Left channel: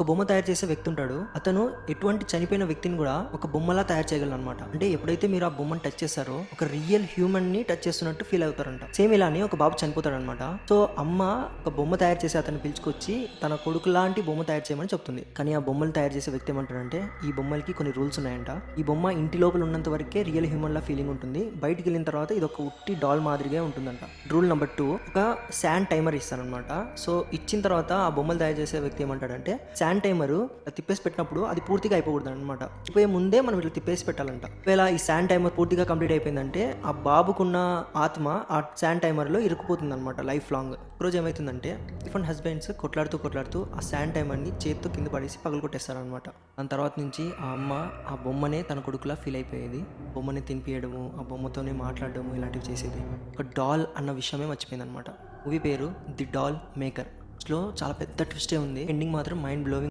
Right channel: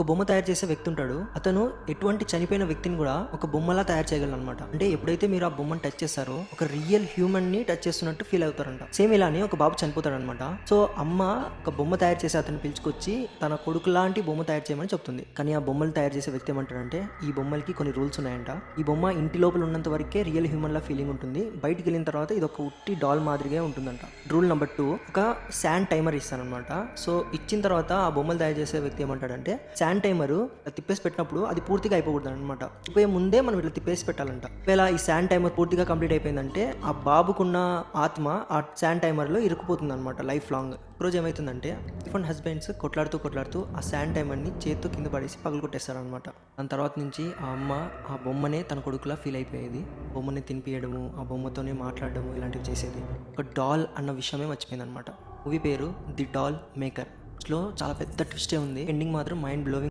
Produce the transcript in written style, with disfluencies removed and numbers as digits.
ఒక బొమ్మ తయారు చేసే వ్యక్తి ఉంటాడు. అతను ఎటువంటి చనిపోయిన వ్యక్తిని కూడా ఒక బొమ్మలా తయారు చేయగలరు అనమాట. అంటే ఎప్పుడైతే మీరు ఆ బొమ్మను టచ్ చేస్తారో ఒక రియల్ హ్యూమన్ ని టచ్ చేస్తున్నట్టు ఫీల్ అవుతారంట. సేమ్ ఇలానే ఒక బాబు చనిపోతాడు అనమాట. సో అమ్మ ఒక బొమ్మ తయారు చేసి అతన్ని పిలుచుకొచ్చి తన కొడుకు లాంటి బొమ్మ తయారు చేయమని చెప్తుంది. కానీ ఆ బొమ్మలు తయారు చేసే వ్యక్తి ఏమంటాడంటే ఈ బొమ్మలకి కొన్ని రూల్స్ ఉన్నాయంట. ఈ బొమ్మ ఇంటి లోపల ఉన్నంత వరకే రియల్ హ్యూమన్ లా ఫీలింగ్ ఉంటుంది. బయటికి వెళ్ళిన తర్వాత ఇది ఒక ఉట్టి డాల్ మాదిరిగా ఉంటుందంట. రూల్ నెంబర్ 2, ఒక శాండ్ టైమర్ ఇస్తారనమాట. సో ఇచ్చిన తర్వాత ఆ బొమ్మలు తయారు చేసే వ్యక్తి ఏమంటాడంటే శాండ్ టైమర్ తిప్పేసి పెట్టినప్పుడు అది పూర్తిగా అయిపోకూడదు అనమాట. అయిపోయే ముందే మనం ఇట్లా తిప్పేసి పెట్టాలంట. ఒకవేళ ఈ శాండ్ టైమర్ పూర్తిగా కంప్లీట్ అయిపోయిందంటే ఆ బాబుకున్న ఆత్మ ఆ శాండ్ టైమర్ లో ఇరుక్కుపోతుంది అనమాట లైఫ్ లాంగ్. రోజు ఏమవుతుందంటే డిఫరెంట్ హస్బెండ్స్ కొట్లాడుతూ ఆ శాండ్ టైమర్ ని చేతితో కింద పడేసి పగలు కొట్టేస్తారు అనమాట. దాని తర్వాత నుంచి ఆ అమ్మ ఆ బొమ్మనే తన కొడుకులా ఫీల్ అయిపోయేది. బొమ్మని తినిపియడము, ఆ బొమ్మతోనే మాట్లాడడము, ఇలాంటివి చేసేది. ఒక డాల్ అన్న విషయమే మర్చిపోయింది అనమాట. మూవీ పేరు ది డాల్ మేకర్. లో చాలా పెద్ద ట్విస్టే ఉంది. ఎండింగ్ మాత్రం మైండ్ బ్లోవింగ్.